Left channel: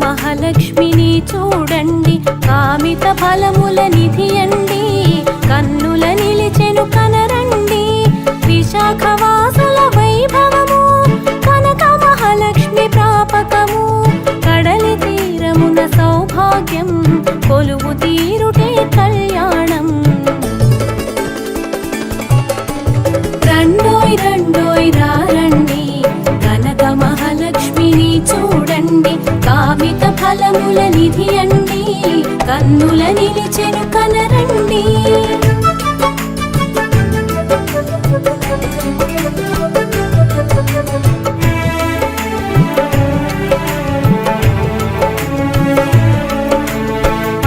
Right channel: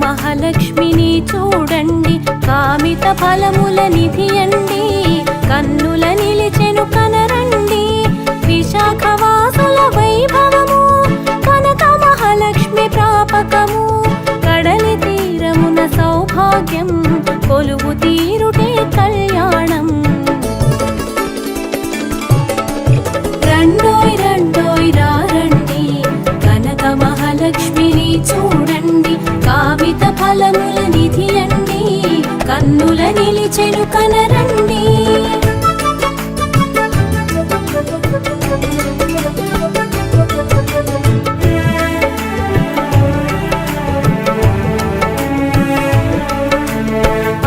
మహాలక్ష్మిని చూడండి, కామిత ఫలముల నిధియండి, కన్నుల నిలిచెను కనరండి. విశాఖవాసుల వైభవము కనక మహాలక్ష్మి ప్రాపకము, కడలి తీరమున సౌభాగ్యం కొలువు తీరుటే కళ్యాణం. రండోయ్ రండోయ్ రారండి, కనక మహాలక్ష్మిని చూడండి, కామిత ఫలముల నిధి అండి, కన్నుల నిలిచెను కనరండి.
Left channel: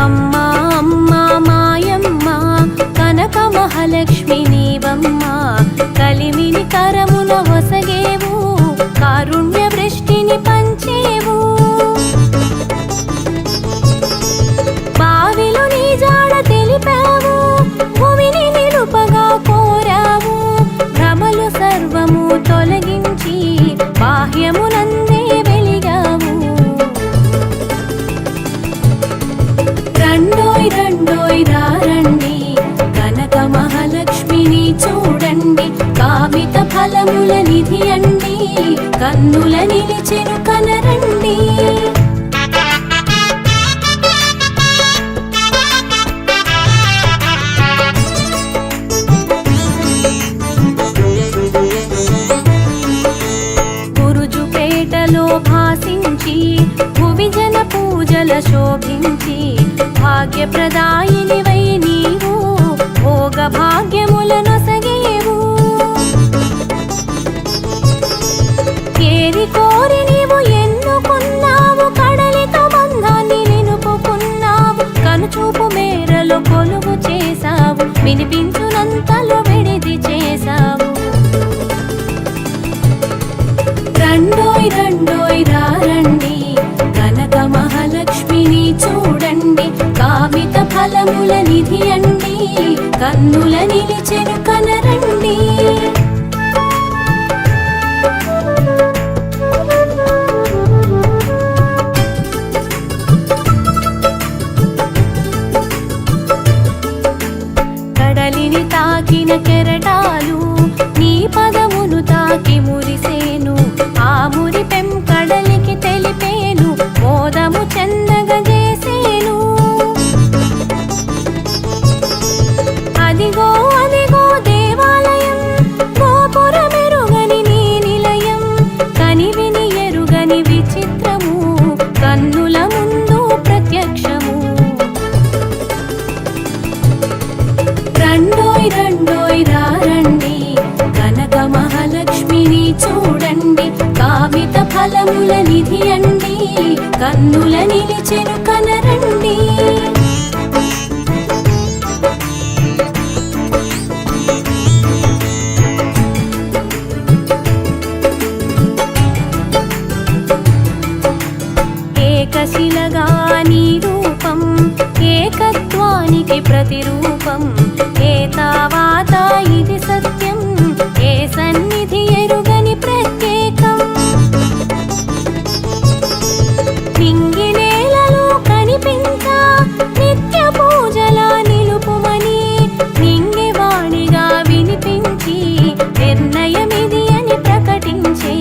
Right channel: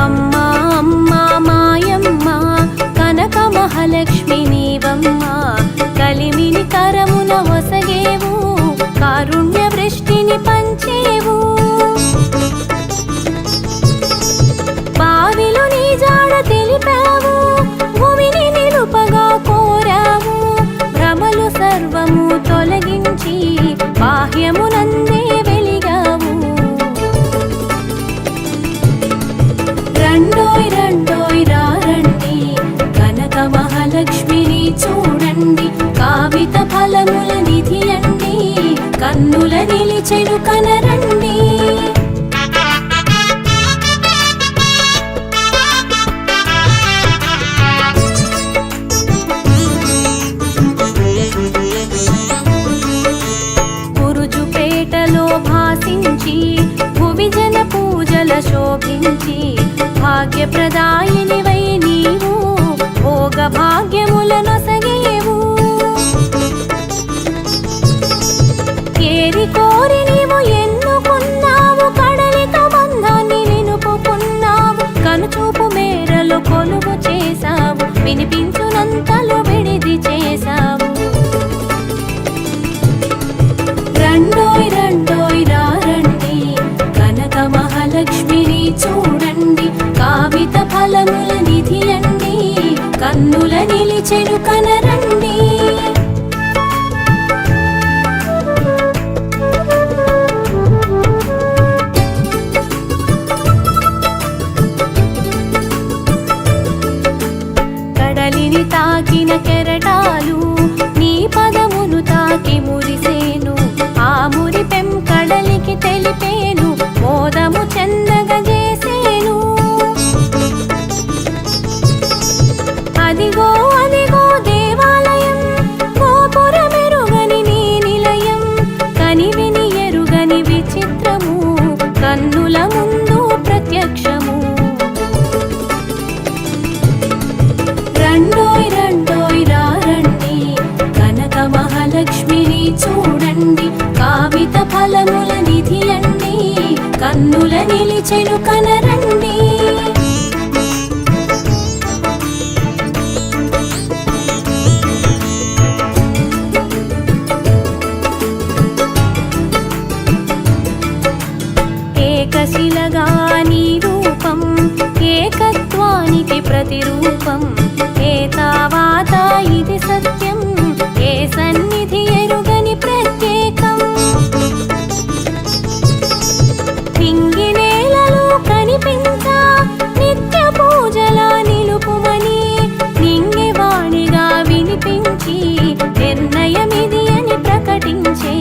అమ్మా అమ్మా మాయమ్మ కనక మహాలక్ష్మి నీవమ్మ, కలిమిని కరమున వసగేవు, కారుణ్య వృష్టిని పంచేవు. బావిలో నీ జాడ తెలిపావు, భూమిని నిలుపగా కోరావు, భ్రమలు సర్వము తొలగించి బాహ్యమునందే వెలిగావు. రండోయ్ రండోయ్ రారండి, కనక మహాలక్ష్మిని చూడండి, కామిత ఫలముల నిధి అండి, కన్నుల నిలిచెను కనరండి. గురుజుపేటలో భాసించి భువిజన పూజల శోభించి, భాగ్యప్రదాయినివై నీవు భోగ భాగ్యములనొసగేవు. ఏరి కోరి నీవు ఎన్నుకున్నావు, కడలితో బంధాన్ని నిలుపుకున్నావు, కనుచూపు మేరలో కొలువు చేశావు, వినిపించునంతలో విడిది చేశావు. రండోయ్ రండోయ్ రారండి, కనక మహాలక్ష్మిని చూడండి, కామిత ఫలముల నిధి అండి, కన్నుల నిలిచెను కనరండి. కడలిని తాకిన కెరటాలు నీ పదమును తాకి మురిసేను, ఆ మురిపెం కడలికి తెలిపేను, మోదము చెందగజేసేను. అదిగో అదిగో దేవాలయం, గోపురమెరుగని నీ నిలయం, కనివిని ఎరుగని విచిత్రము, కన్నుల ముందు ప్రత్యక్షము. రండోయ్ రండోయ్ రారండి, కనక మహాలక్ష్మిని చూడండి, కామిత ఫలముల నిధి అండి, కన్నుల నిలిచెను కనరండి. ఏకశిలగా నీ రూపం, ఏకత్వానికి ప్రతిరూపం, ఏతావాత ఇది సత్యం, ఏ సన్నిధి ఎరుగని ప్రత్యేకం. నింగి నేలలో కనిపించా నిత్య పూజలా నిలుపుమని, నింగి వాణిగా వినిపించి నిర్ణయమిది అని ప్రకటించే.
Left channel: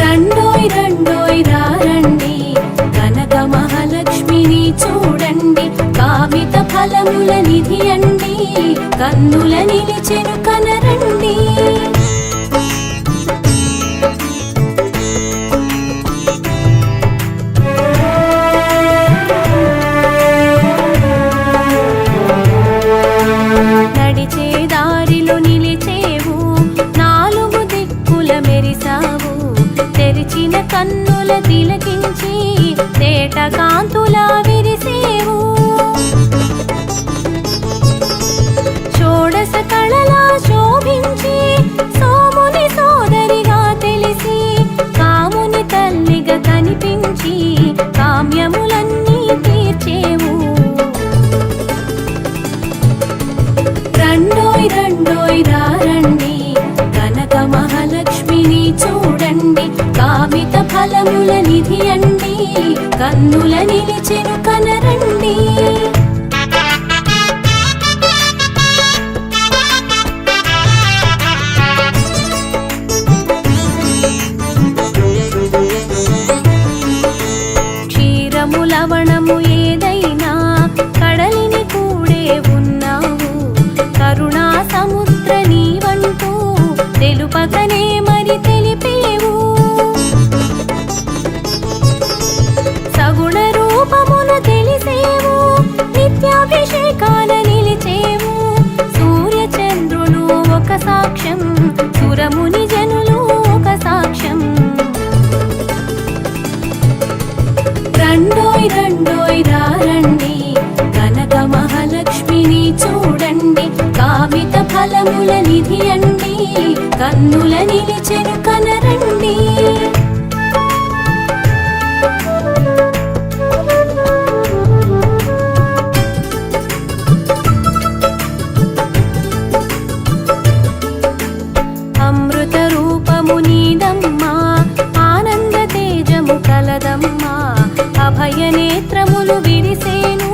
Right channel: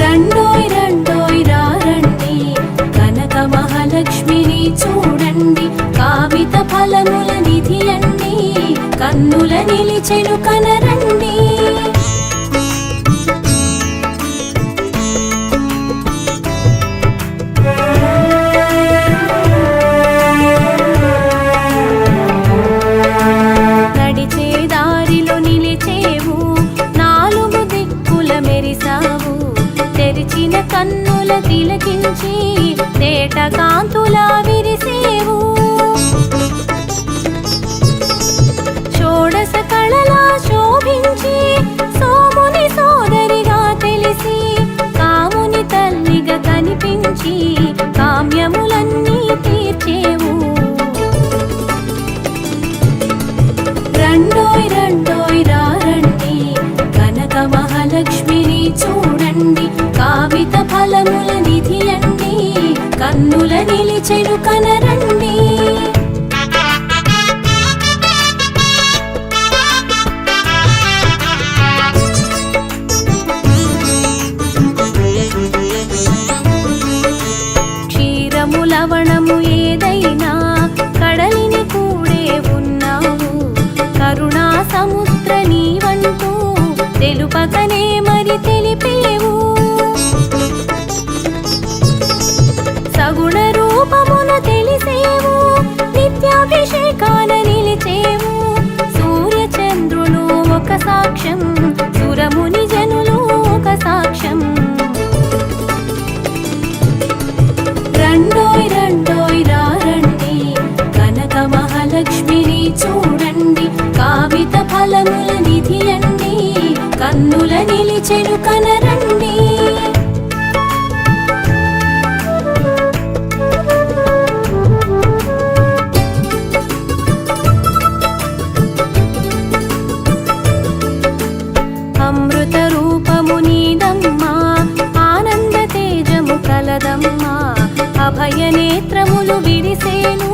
రండోయ్ రండోయ్ రారండి, కనక మహాలక్ష్మిని చూడండి, కామిత ఫలముల నిధి అండి, కన్నుల నిలిచెను కనరండి. నడిచే దారిలో నిలిచేవు, నాలుగు దిక్కుల మెరిసావు, తెరిచిన కన్నుల తిలకించి తేట కాంతులా విరిసేవు. షోడశ కళలా శోభించి సోముని సోదరిగా తెలిసి, కాముని తల్లిగా కనిపించి కామ్యములన్నీ తీర్చేవు. రండోయ్ రండోయ్ రారండి, కనక మహాలక్ష్మిని చూడండి, కామిత లవణము ఏదైనా కడలిని కూడే ఉన్నావు. కరుణా సముద్ర నీవంటూ తెలుపకనే మరి తెలిపేవు. సగుణ రూపమున తెలిసేవు, నిత్యాభిషేకాన నిలిచేవు. సూర్య చంద్రులు ఒక సాక్ష్యం, సురముని జనులు ఒక సాక్ష్యం. రండోయ్ రండోయ్ రారండి, కనక మహాలక్ష్మిని చూడండి. కామిత ఫలముల నిధి అండి, కన్నుల నిలిచెను కనరండి. అమృత రూపము నీదమ్మా, ఆనంద తేజము కలదమ్మా. అభయ నేత్రములు విరిసేను,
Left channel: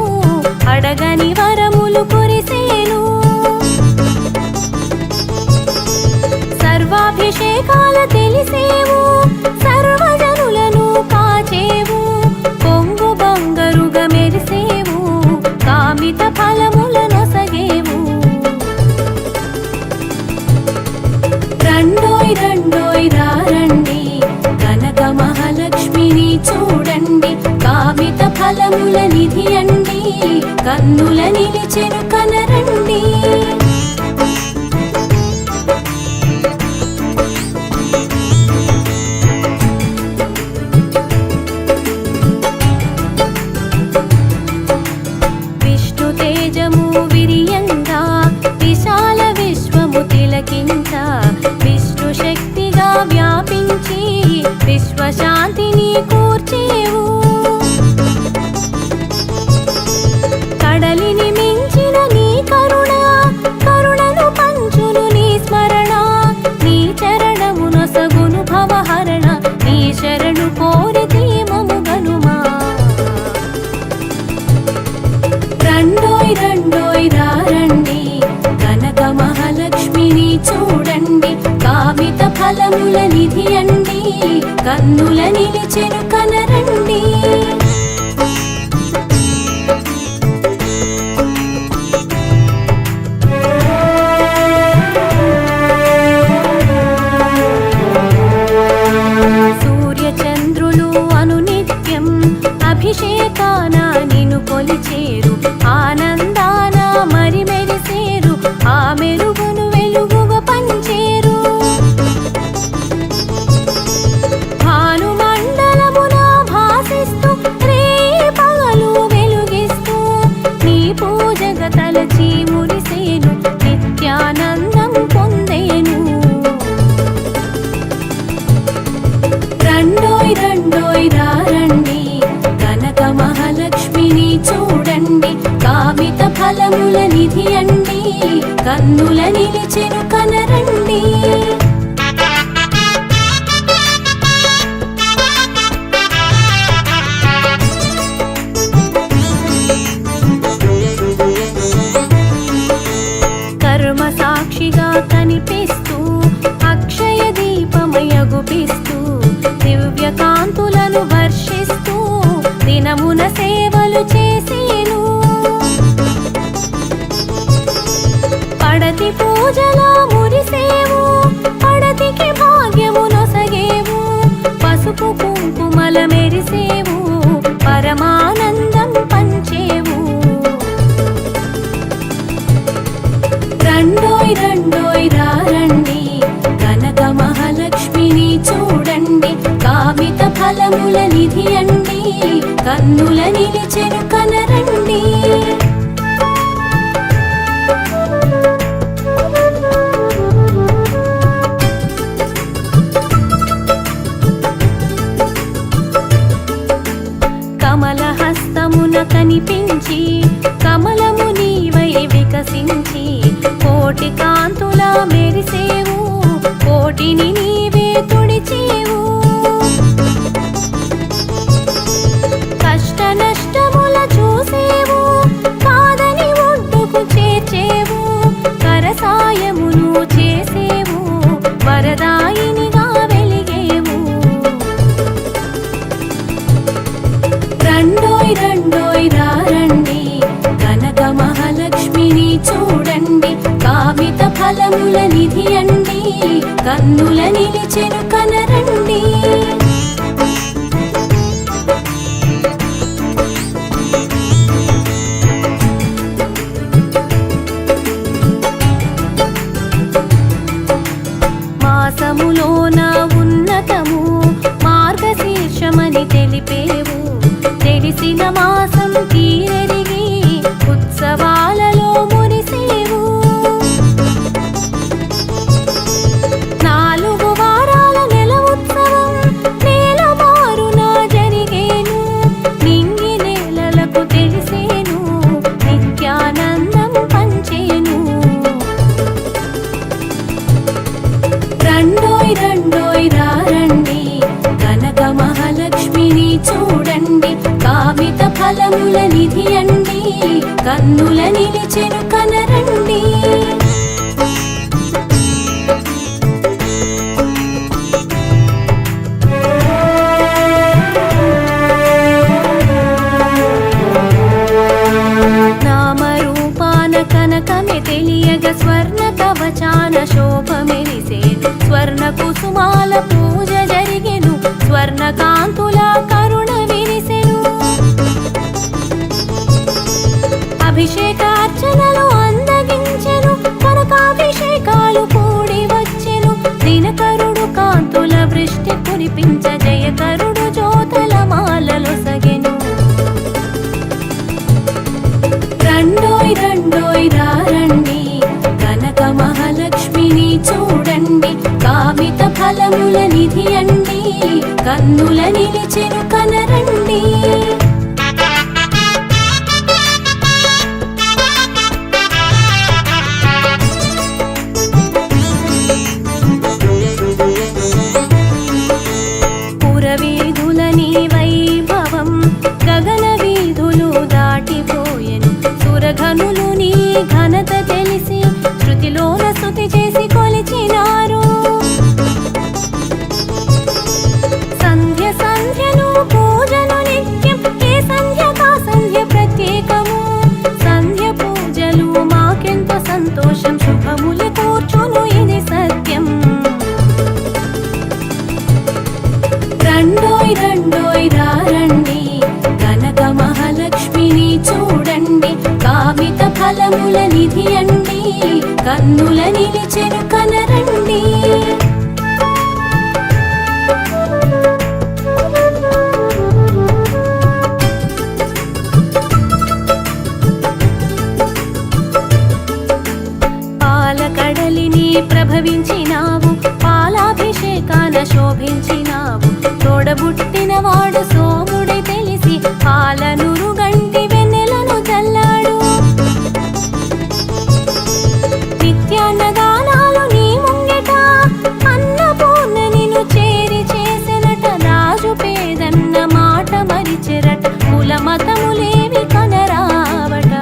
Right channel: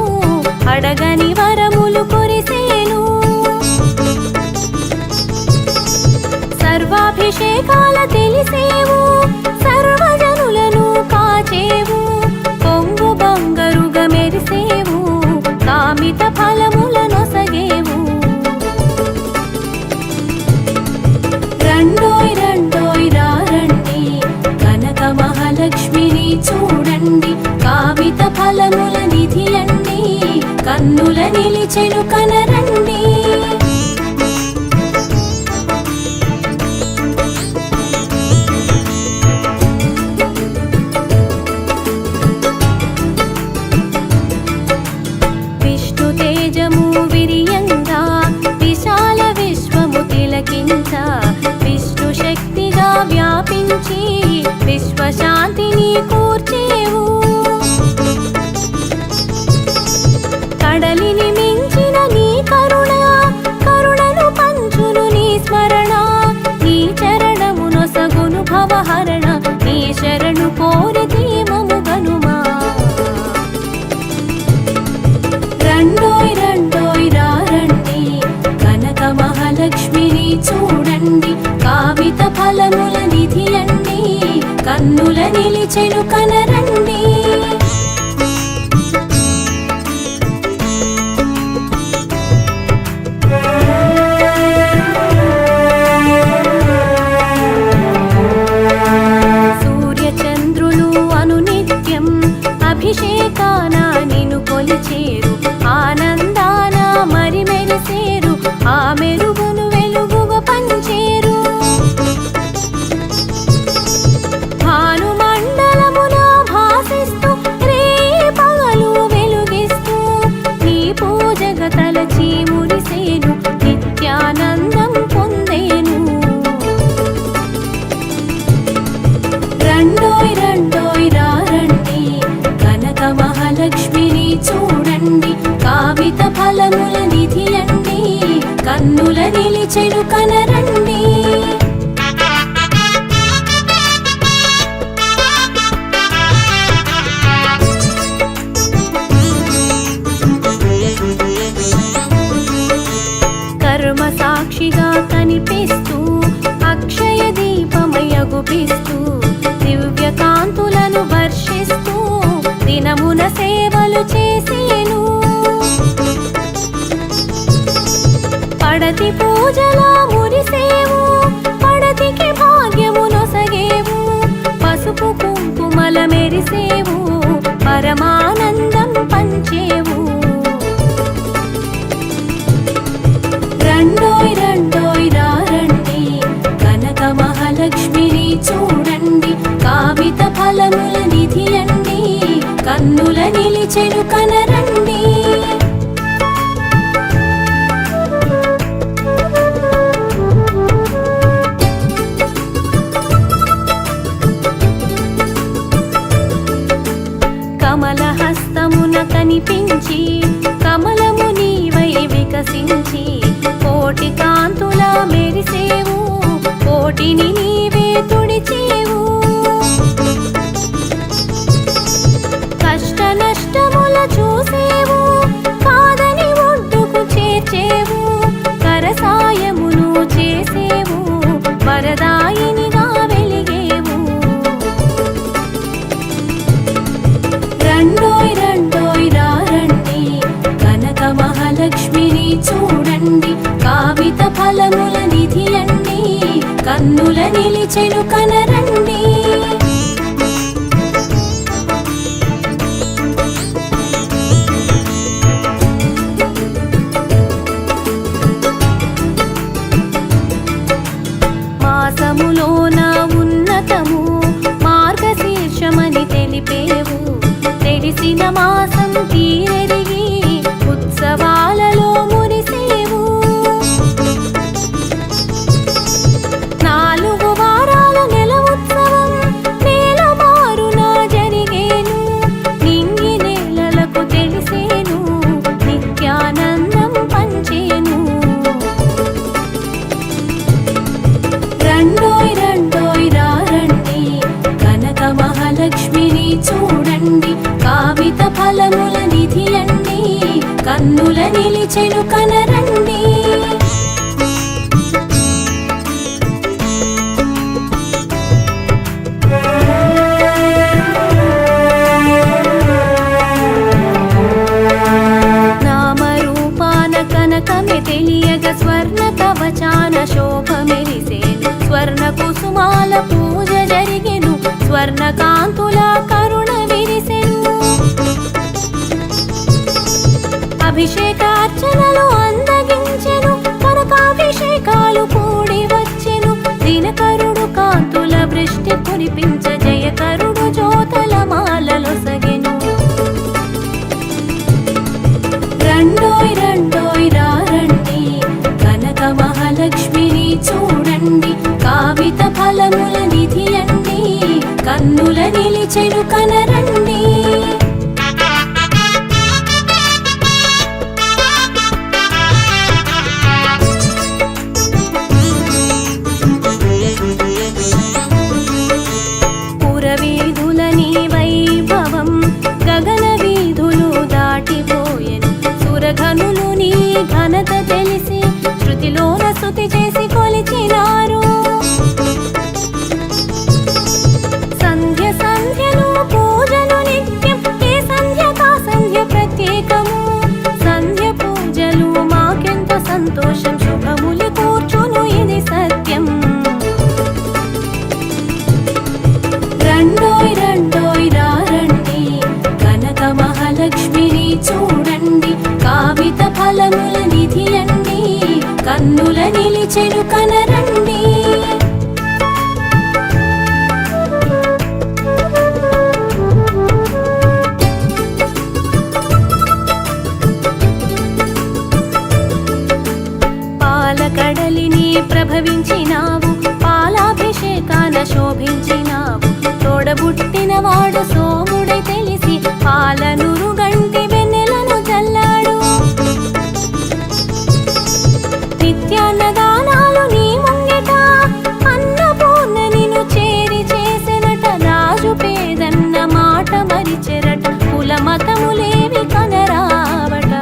అడగని వరములు కురిసేను. సర్వాభిషేకాల తెలిసేవు, సర్వజనులను కాచేవు. పొంగు బంగరుగా మెరిసేవు, కామిత ఫలముల నొసగేవు. రండోయ్ రండోయ్ రారండి, కనక మహాలక్ష్మిని చూడండి. కామిత ఫలముల నిధి అండి, కన్నుల నిలిచెను కనరండి. విష్ణు తేజము విరియంగా విశాల విశ్వము తిలకించ. విష్ణు శక్తిగా వ్యాపించి విశ్వశాంతిని కూర్చేవు. కడలిని మించిన నీ కరుణ, కరుణను పంచును నీ స్మరణ. నీ చరణము నొసగును భవహరణ, నీ శరణు కోరితే మము గనుమా. రండోయ్ రండోయ్ రారండి, కనక మహాలక్ష్మిని చూడండి. కామిత ఫలముల నిధి అండి, కన్నుల నిలిచెను కనరండి. సూర్య చంద్రులు అనునిత్యం అభిషేకాన నిన్ను కొలిచేరు. ఆనందాన మరి మెరిసేరు, ఆ మెరుగును వెలుగుగా పంచేరు. భానుమండలమున భాసిస్తూ రే పగలు వెలుగిస్తూ నీ పూజగా తలచి మురిసేను, నిత్యానందం పొందేను. రండోయ్ రండోయ్ రారండి, కనక మహాలక్ష్మిని చూడండి. కామిత ఫలముల నిధి అండి, కన్నుల నిలిచెను కనరండి. కర్మ సాక్షిగా కనిపిస్తూ అక్షయ దీపమయగుపిస్తూ దివ్య కాంతులను వర్షిస్తూ దినమున సేవలు చేసేను. పడతి పూజలా మురిసేవు, పడతికి భాగ్యము నొసగేవు. పసుపు కుంకుమల మెరిసేవు, పరమానందం పంచేవు. రండోయ్ రండోయ్ రారండి, కనక మహాలక్ష్మిని చూడండి. కామిత ఫలముల నిధి అండి, కన్నుల నిలిచెను కనరండి. కమలహస్తమున కనిపించి కమలము నీవై వికసించి కోటి కాంతుల మెరిసేవు, కోటిని నీవే తుడిచేవు. కష్ట నష్టముల చూసేవు, కాదని ఒడ్డుకు చేర్చేవు. కరసాయమును చేసేవు, వరదాయినిగా వెలిగేవు. రండోయ్ వ్రతము మార్గశీర్షమని తెలిపేవు. తెలిసిన మాసం తీరెరిగి ఉత్సవాలలో మురిసేవు. 4 వారాల నెల ఉత్సవం నేల మారున జరిగేను. నింగి నేలలకు తెలిసేను, నిత్యానందం పంచేను. రండోయ్ రండోయ్ రారండి, కనక మహాలక్ష్మిని చూడండి. కామిత ఫలముల నిధి అండి, కన్నుల నిలిచెను కనరండి. నామరూపాన కనకమే తెలియగ స్వర్ణ కవచాన శోభ మెరిసేను. స్వర్ణ కుసుమాల పూజ జరిగెను, స్వర్ణ కాంతుల కరుణ విరిసెను. అభిషేకార్చనలు అందగించెను, కనకాభిషేకాలు కూడి వచ్చెను. దినకరుడు కాంతుల వృష్టి కురిపించ, జయకరుడు జ్యోతల మాలలొసగెను. రండోయ్ రండోయ్ రారండి, కనక మహాలక్ష్మిని చూడండి. కామిత ఫలముల నిధి అండి, కన్నుల నిలిచెను కనరండి. పురవీధులని వైభవం గగన వీధులు దాటిపోయెను. సురఘనులు నీ ఘనత తెలిసి శృతిలోన స్తుతి చేసి కొలిచినారు. సంధ్య సంధ్యను పూజను నిత్యం, ఏ సంధ్య కా సంధ్య ప్రత్యేకము. సంధ్య పూజలు మాకెంతో సంతోషం, శుభములు కూర్చును ఇది సత్యం. రండోయ్ రండోయ్ రారండి, కనక మహాలక్ష్మిని చూడండి. కామిత ఫలముల నిధి అండి, కన్నుల నిలిచెను కనరండి. పాలకడలిని ప్రభవించినావు, పాలాభిషేకాన శోభించినావు. తోడబుట్టినవాడు సోముడై తెలిసి పాలనురు గంటి వెన్నెలను చల్లాడు. నిత్యాన్నదానాలు నీ ముంగిట, అన్నపూర్ణ నిన్ను చేరి చేసెనట. రాజు పేదన్న మాట మరిచెరట, కుల మతములేవి కనరావట.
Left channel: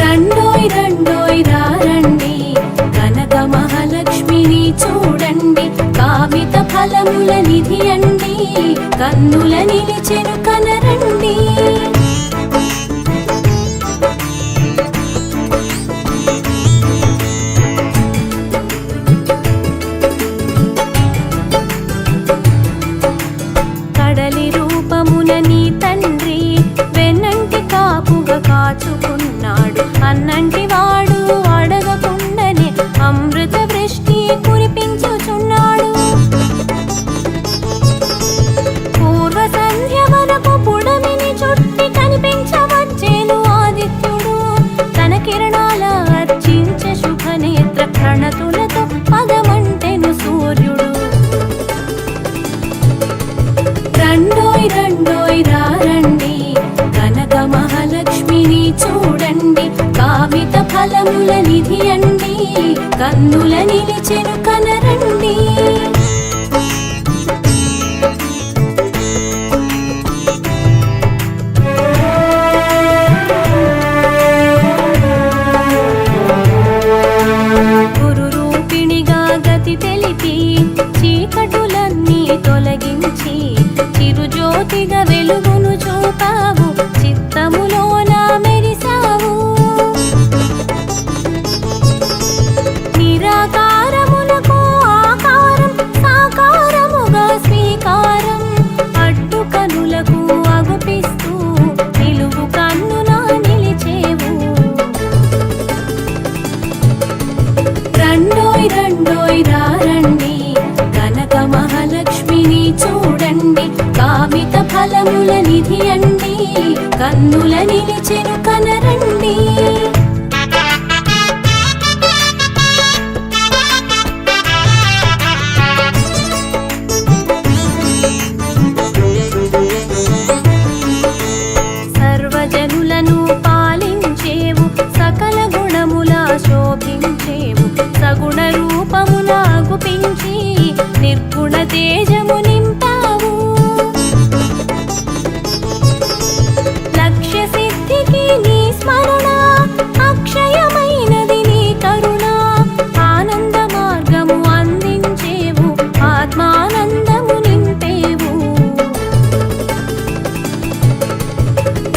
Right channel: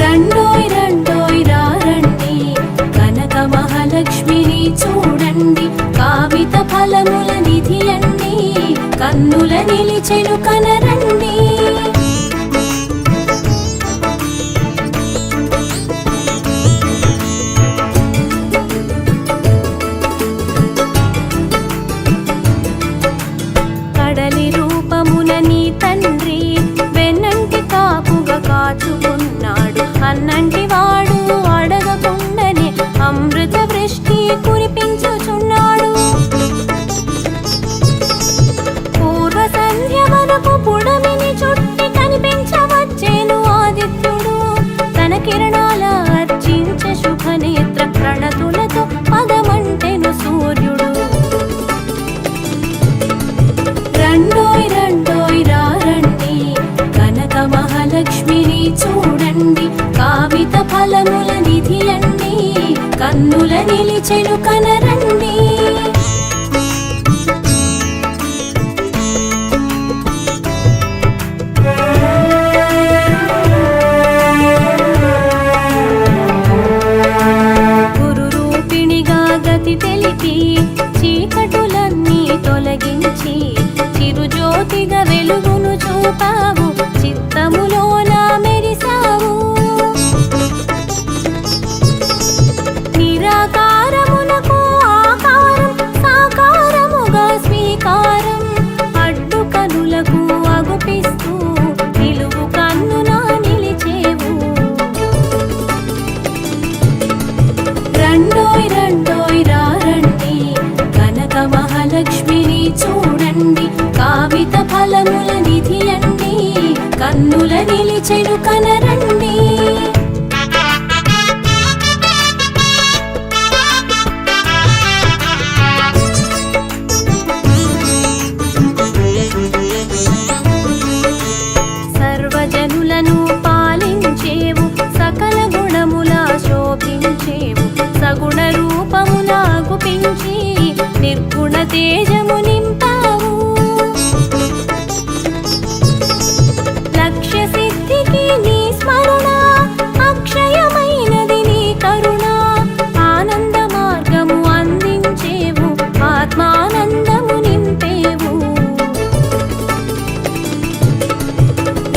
రండోయ్ రండోయ్ రారండి, కనక మహాలక్ష్మిని చూడండి. కామిత ఫలముల నిధి అండి, కన్నుల నిలిచెను కనరండి. కడలి రూపమున నీ తండ్రి వెన్నంటి కాపుగా కాచుకున్నాడు. అన్నంటి వాడు అడగకుండానే అమృత వృష్టి కురిపించుచున్నాడు. పూర్వ సంధ్య వరకు పుడమిని చుట్టి కనిపించవచ్చేను ఆదిత్యుడు. తన కిరణాల అర్చించే శుభనేత్ర ప్రణతులతో పదమంటెను సూర్యుడు. రండోయ్ రండోయ్ రారండి, కనక మహాలక్ష్మిని చూడండి. కామిత ఫలముల నిధి అండి, కన్నుల నిలిచెను కనరండి. గురు రూపిణిగా గతి తెలిపి చీకటులన్నీ తొలగించి చిరుజ్యోతిగా వెలుగును చూపావు. చిత్తములోన మెరిసావు. నిరాకారమునకు ఆకారం, సాకారముగా స్వీకారం. అడ్డు కనులకు అగుపిస్తూ నిలువు కన్నున నిలిచేవు. రండోయ్ రండోయ్ రారండి, చూపించి నిర్గుణ తేజము నింపావు. లక్ష్య సిద్ధికి నీ స్మరణ, అక్షయమైనది నీ కరుణ. ఆనంద మార్గము అందించేవు, ఆత్మానందము నింపేవు.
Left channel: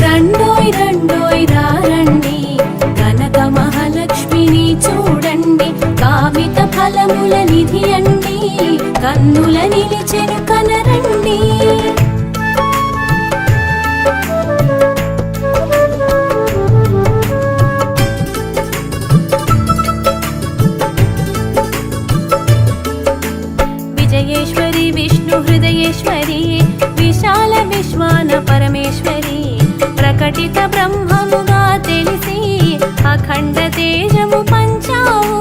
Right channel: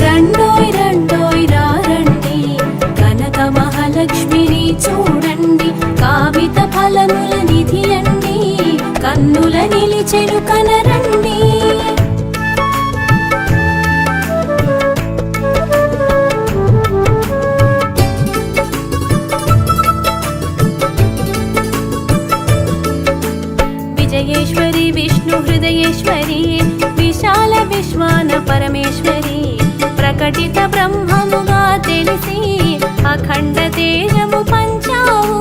రండోయ్ రండోయ్ రారండి, కనక మహాలక్ష్మిని చూడండి. కామిత ఫలముల నిధి అండి, కన్నుల నిలిచెను కనరండి. విజయేశ్వరి విష్ణు హృదయేశ్వరి, విశాల విశ్వాన పరమేశ్వరి. ప్రకటిత బ్రహ్మముగా తెలిసి అఖండ తేజము పంచావు.